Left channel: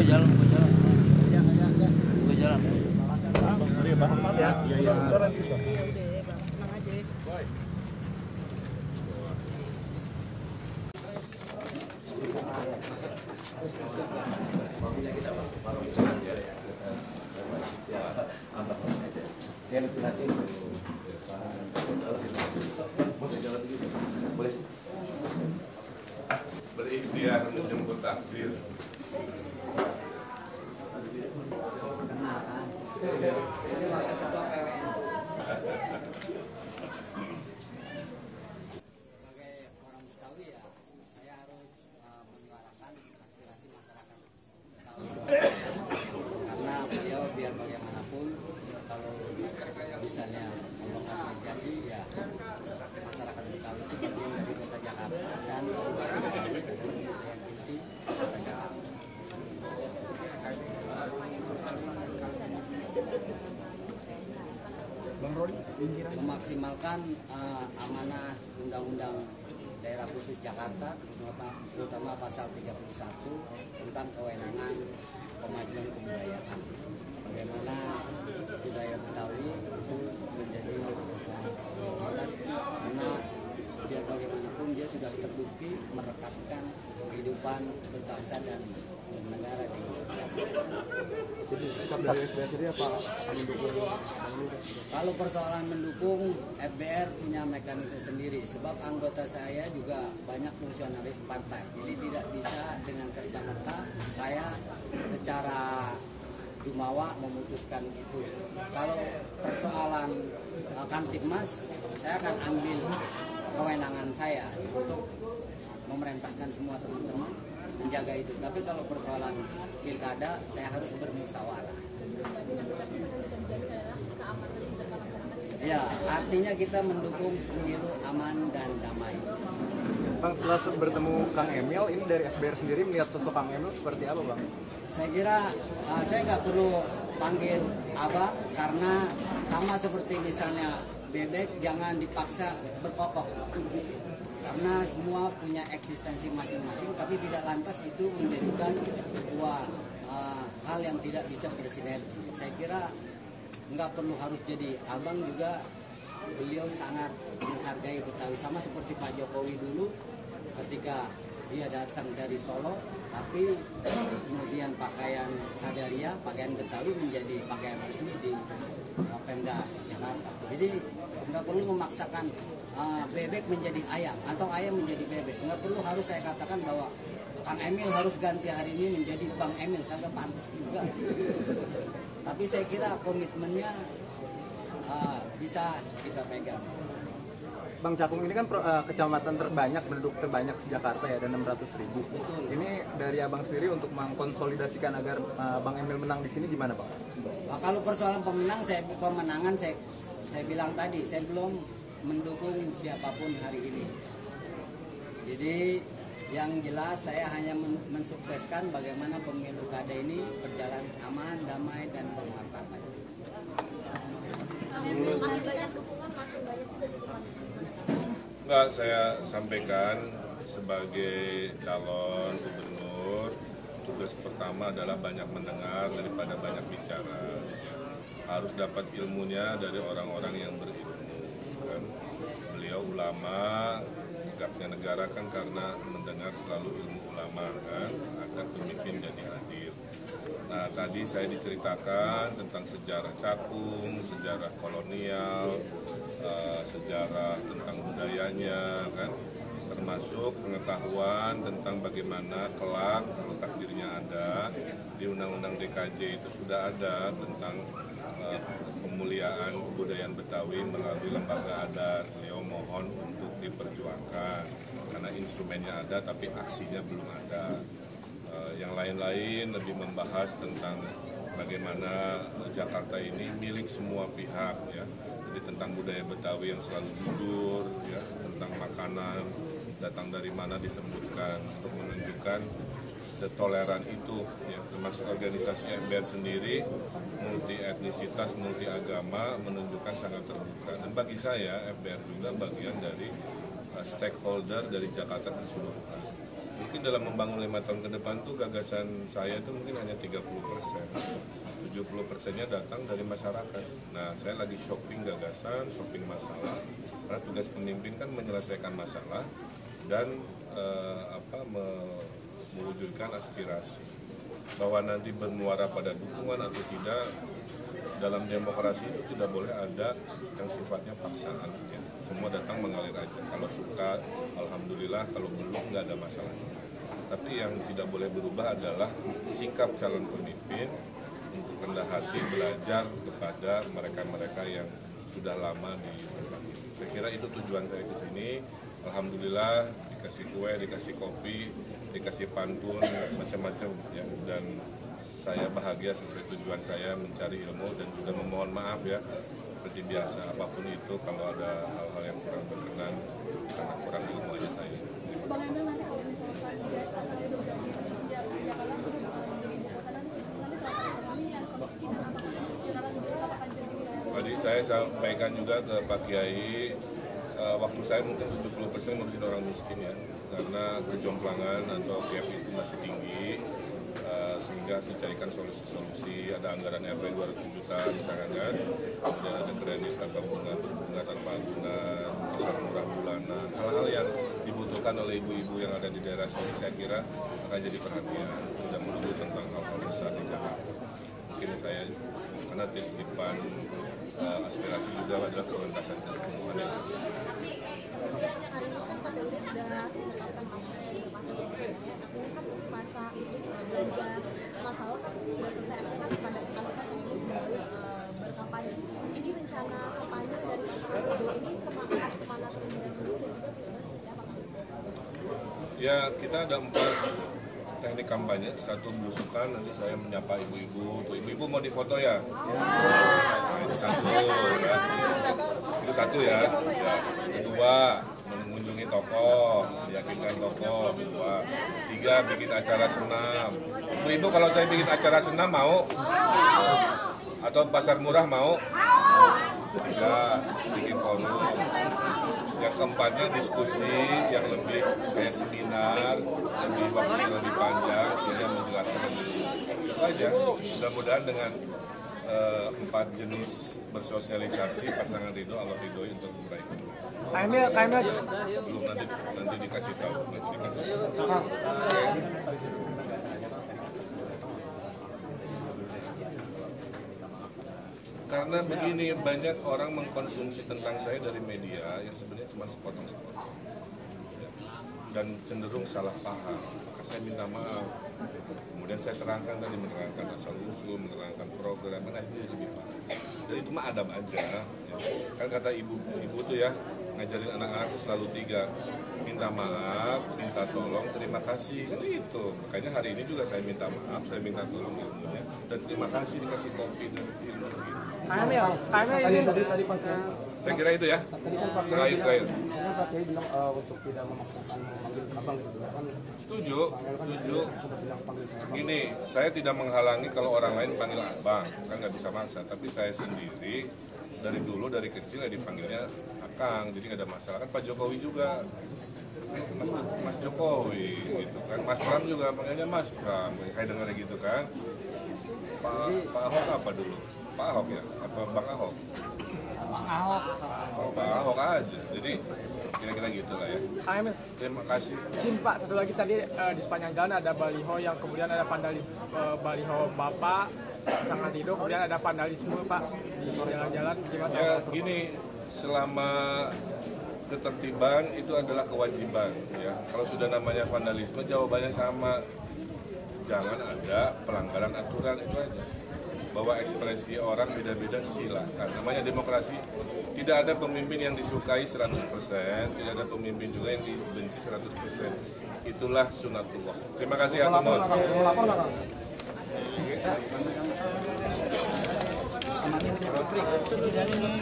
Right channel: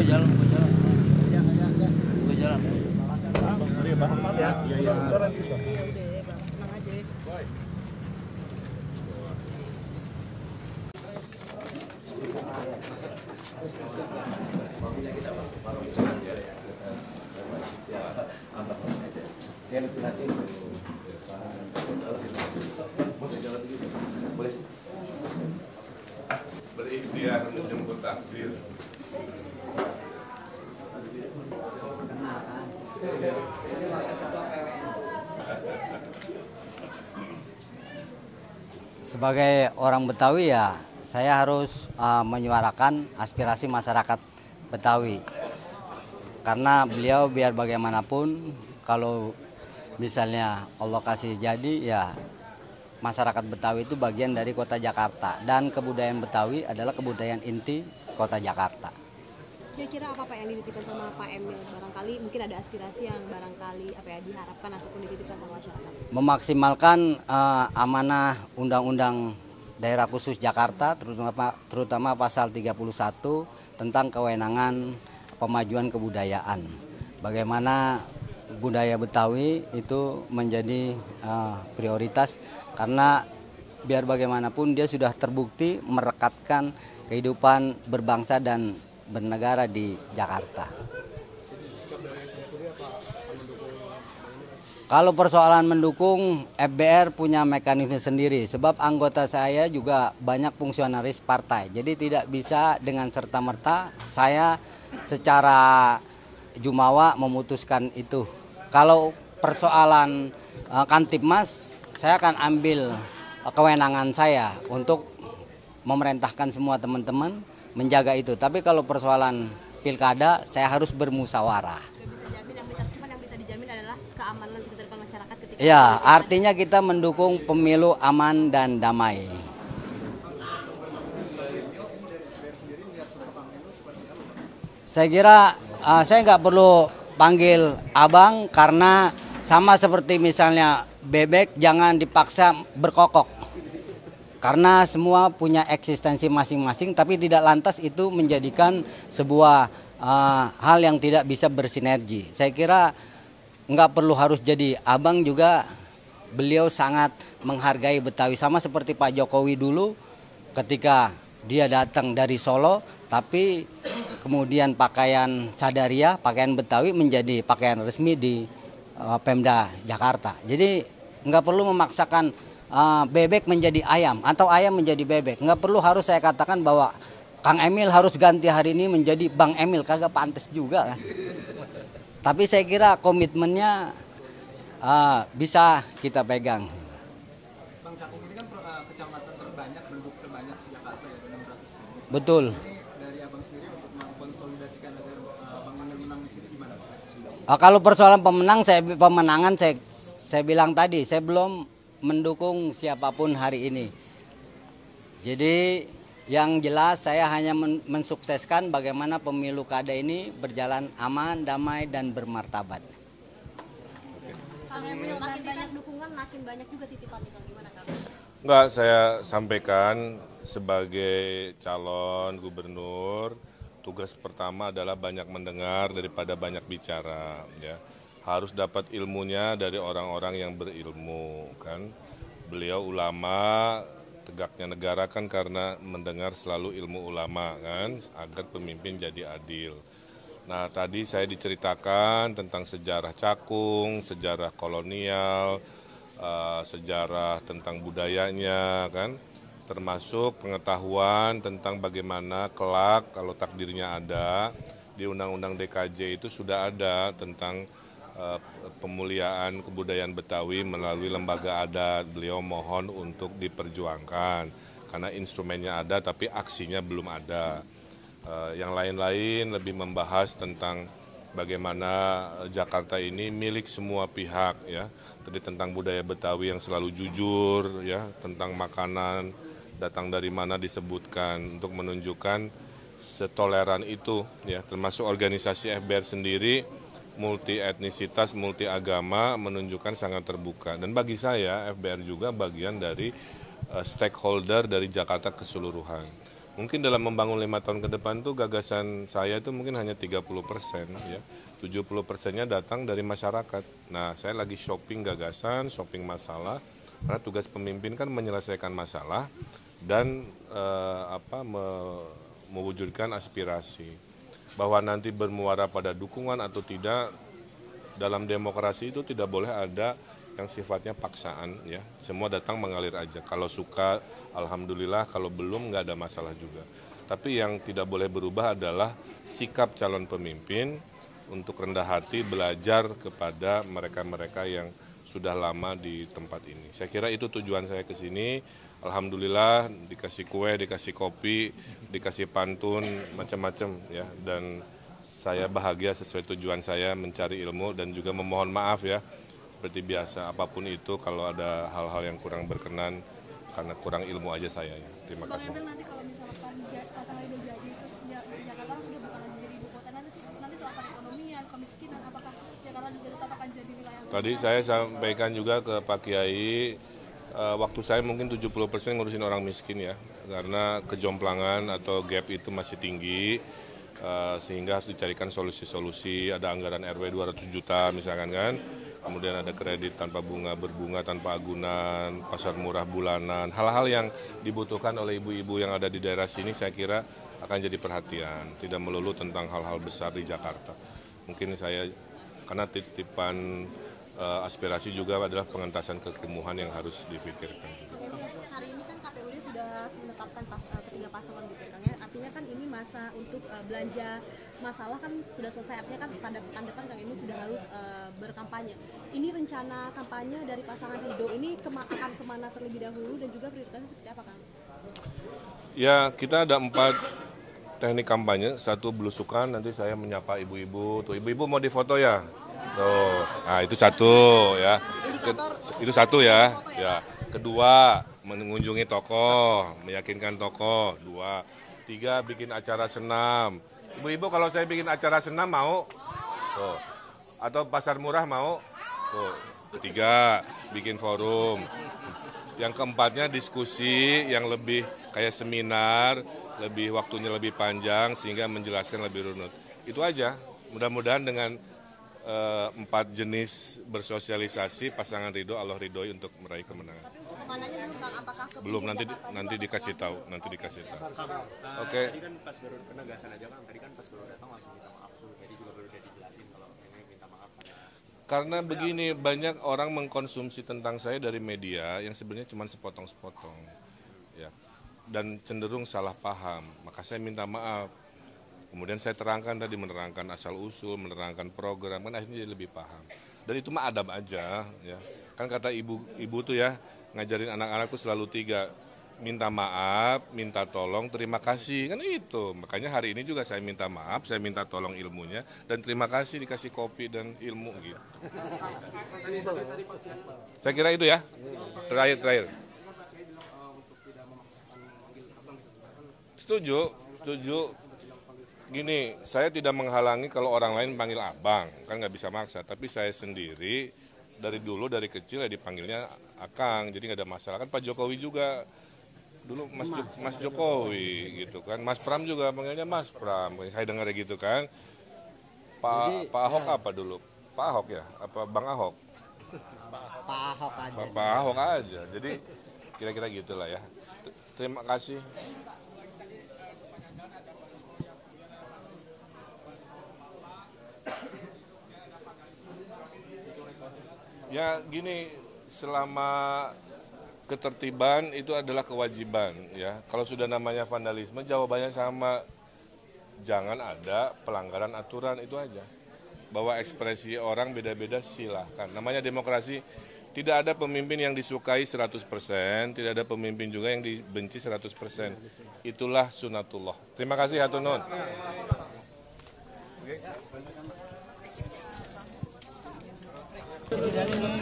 buka jalan. Buka jalan. Sorry ya, Bang. Ya. Iya. Berikhtiar menjemput takdir. Sebagai orang Betawi ya, saya harus menyuarakan aspirasi masyarakat Betawi. Karena beliau biar bagaimanapun, kalau misalnya Allah kasih jadi ya, masyarakat Betawi itu bagian dari kota Jakarta. Dan kebudayaan Betawi adalah kebudayaan inti kota Jakarta. Kira-kira apa Pak yang dilakukan sama Pak Emil? Barangkali mungkin ada aspirasi yang barangkali apa yang diharapkan atau diberikan masyarakat. Memaksimalkan amanah Undang-Undang Daerah Khusus Jakarta, terutama pasal 31 tentang kewenangan pemajuan kebudayaan. Bagaimana budaya Betawi itu menjadi prioritas, karena biar bagaimanapun dia sudah terbukti merekatkan kehidupan berbangsa dan bernegara di Jakarta. Kalau persoalan mendukung, FBR punya mekanisme sendiri, sebab anggota saya juga banyak fungsionaris partai. Jadi tidak bisa dengan serta-merta saya secara jumawa memutuskan itu. Kalau persoalan Kantipmas, saya akan ambil kewenangan saya untuk memerintahkan semua teman-teman menjaga itu. Tapi kalau persoalan pilkada, saya harus bermusyawarah. Yang bisa dijamin adalah keamanan dan ketertiban masyarakat. Ya, artinya kita mendukung pemilu aman dan damai. Bang, setelah bertemu Kang Emil, ini dari FBR sendiri melihat sosok Kang Emil seperti apa, Bang? Saya kira saya nggak perlu panggil abang, karena sama seperti misalnya bebek jangan dipaksa berkokok. Karena semua punya eksistensi masing-masing, tapi tidak lantas itu menjadikan sebuah hal yang tidak bisa bersinergi. Saya kira nggak perlu harus jadi abang juga, beliau sangat menghargai Betawi. Sama seperti Pak Jokowi dulu ketika dia datang dari Solo, tapi kemudian pakaian sadaria, pakaian Betawi menjadi pakaian resmi di Pemda Jakarta. Jadi nggak perlu memaksakan bebek menjadi ayam atau ayam menjadi bebek. Nggak perlu harus saya katakan bahwa Kang Emil harus ganti hari ini menjadi Bang Emil, kagak pantas juga kan. Tapi saya kira komitmennya bisa kita pegang. Bang, Cakung ini kan kecamatan terbanyak, penduduk terbanyak di Jakarta ya, ada 600.000. Betul. Ini dari abang sendiri untuk mengkonsolidasikan agar Bang Emil menang di sini gimana, Pak? Kalau persoalan pemenangan saya bilang tadi, saya belum mendukung siapapun hari ini. Jadi yang jelas saya hanya mensukseskan bagaimana pemilu kada ini berjalan aman, damai, dan bermartabat. Enggak, saya sampaikan sebagai calon gubernur, tugas pertama adalah banyak mendengar daripada banyak bicara. Ya. Harus dapat ilmunya dari orang-orang yang berilmu. Kan? Beliau ulama, tegaknya negara kan karena mendengar selalu ilmu ulama kan, agar pemimpin jadi adil. Nah tadi saya diceritakan tentang sejarah Cakung, sejarah kolonial, sejarah tentang budayanya kan, termasuk pengetahuan tentang bagaimana kelak kalau takdirnya ada, di Undang-Undang DKJ itu sudah ada tentang pemuliaan kebudayaan Betawi melalui lembaga adat. Beliau mohon untuk diperjuangkan karena instrumennya ada tapi aksinya belum ada. Yang lain-lain lebih membahas tentang bagaimana Jakarta ini milik semua pihak ya. Jadi tentang budaya Betawi yang selalu jujur ya, tentang makanan datang dari mana disebutkan untuk menunjukkan setoleran itu ya, termasuk organisasi FBR sendiri multi etnisitas, multi agama menunjukkan sangat terbuka. Dan bagi saya FBR juga bagian dari stakeholder dari Jakarta keseluruhan. Mungkin dalam membangun 5 tahun ke depan tuh gagasan saya itu mungkin hanya 30%, ya. 70%-nya datang dari masyarakat. Nah, saya lagi shopping gagasan, shopping masalah, karena tugas pemimpin kan menyelesaikan masalah dan mewujudkan aspirasi. Bahwa nanti bermuara pada dukungan atau tidak, dalam demokrasi itu tidak boleh ada yang sifatnya paksaan, ya. Semua datang mengalir aja. Kalau suka, alhamdulillah. Kalau belum, nggak ada masalah juga. Tapi yang tidak boleh berubah adalah sikap calon pemimpin untuk rendah hati belajar kepada mereka-mereka yang sudah lama di tempat ini. Saya kira itu tujuan saya ke sini. Alhamdulillah dikasih kue, dikasih kopi, dikasih pantun, macam-macam, ya. Dan saya bahagia sesuai tujuan saya mencari ilmu dan juga memohon maaf, ya. Seperti biasa, apapun itu kalau ada hal-hal yang kurang berkenan karena kurang ilmu aja saya. Terima kasih. Tadi saya sampaikan juga ke Pak Kiai, waktu saya mungkin 70% ngurusin orang miskin, ya. Karena kejomplangan atau gap itu masih tinggi. Sehingga harus dicarikan solusi-solusi, ada anggaran RW 200 juta misalkan kan, kemudian ada kredit tanpa bunga, berbunga tanpa agunan, pasar murah bulanan, hal-hal yang dibutuhkan oleh ibu-ibu yang ada di daerah sini saya kira akan jadi perhatian, tidak melulu tentang hal-hal besar di Jakarta. Mungkin saya, karena titipan aspirasi juga adalah pengentasan kekumuhan yang harus dipikirkan. Hari ini kan KPUD sudah menetapkan 3 pasal artinya kan ini masa belanja masalah kan sudah selesai, artinya kan pada pekan depan ini sudah harus berkampanye. Ini rencana kampanye dari pasangan Ridho ini akan kemana terlebih dahulu dan juga berikutnya seperti apa, Kang? Ya, kita ada 4 teknik kampanye. Satu belusukan, nanti saya menyapa ibu-ibu. Tuh, ibu-ibu mau difoto ya? Oh, nah itu satu, ya. Itu satu, ya. Ya. Kedua, mengunjungi toko, meyakinkan toko. 2, 3, bikin acara senam. Ibu-ibu kalau saya bikin acara senam mau? Oh. Atau pasar murah mau? Oh. 3, bikin forum. Yang keempatnya diskusi yang lebih kayak seminar, lebih waktunya lebih panjang sehingga menjelaskan lebih runut. Itu aja. Mudah-mudahan dengan 4 jenis bersosialisasi pasangan Ridho, Allah ridhoi untuk meraih kemenangan. Belum, nanti dikasih tahu, Oke. Karena begini, banyak orang mengkonsumsi tentang saya dari media yang sebenarnya cuma sepotong-sepotong, ya. Dan cenderung salah paham, maka saya minta maaf. Kemudian saya terangkan tadi, menerangkan asal-usul, menerangkan program, kan akhirnya lebih paham. Dan itu mah adab aja, ya. Kan kata ibu tuh ya, ngajarin anak-anak tuh selalu 3, minta maaf, minta tolong, terima kasih, kan itu. Makanya hari ini juga saya minta maaf, saya minta tolong ilmunya, dan terima kasih dikasih kopi dan ilmu gitu. Saya kira itu ya. Terakhir. Setuju. Gini, saya tidak menghalangi kalau orang lain panggil abang, kan nggak bisa maksa. Tapi saya sendiri dari dulu, dari kecil ya dipanggilnya akang, jadi nggak ada masalah. Kan Pak Jokowi juga, Mas Jokowi gitu kan. Mas Pram juga panggilnya Mas Pram. Saya dengar gitu kan. Pak Ahok apa dulu? Pak Ahok ya? Apa Bang Ahok? Pak Ahok aja. Jadi kira-kira gitulah ya. Terima kasih. Izin Pak, satu lagi tadi di sepanjang jalan ada baliho yang kemudian ada baliho Bapak, pasangan Ridho, kemudian ada vandalisme Pak di jalan-jalan. Gimana? Ya gini, selama ketertiban itu adalah kewajiban ya. Kalau sudah namanya vandalisme jawabannya sama. Jangan ada pelanggaran aturan, itu aja. Bahwa ekspresi orang beda-beda silakan. Namanya demokrasi, tidak ada pemimpin yang disukai 100%, tidak ada pemimpin juga yang dibenci 100%. Itulah sunatullah. Terima kasih hatur nuhun.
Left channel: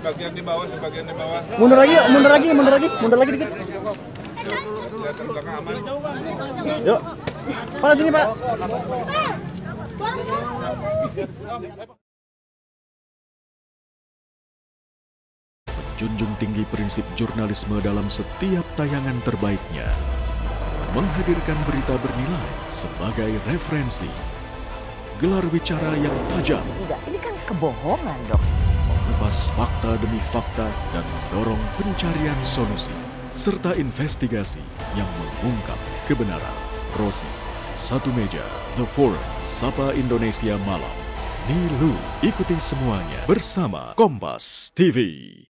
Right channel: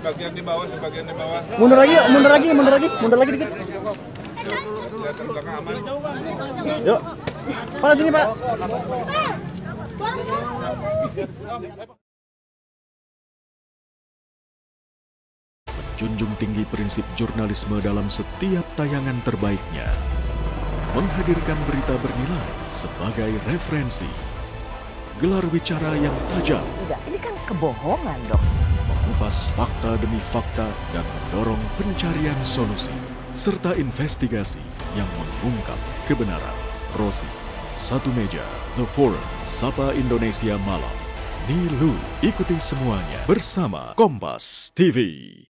Bagian di bawah, sebagian di bawah. Mundur lagi dikit. Kelihatan belakang aman. Yuk. Mana sini, Pak? Menjunjung tinggi prinsip jurnalisme dalam setiap tayangan terbaiknya. menghadirkan berita bernilai sebagai referensi. Gelar bicara yang tajam. Tidak, ini kan kebohongan, Dok. Mengupas fakta demi fakta dan mendorong pencarian solusi. Serta investigasi yang mengungkap kebenaran. Rosi, Satu Meja, The Forum, Sapa Indonesia Malam. Nilu, ikuti semuanya bersama Kompas TV.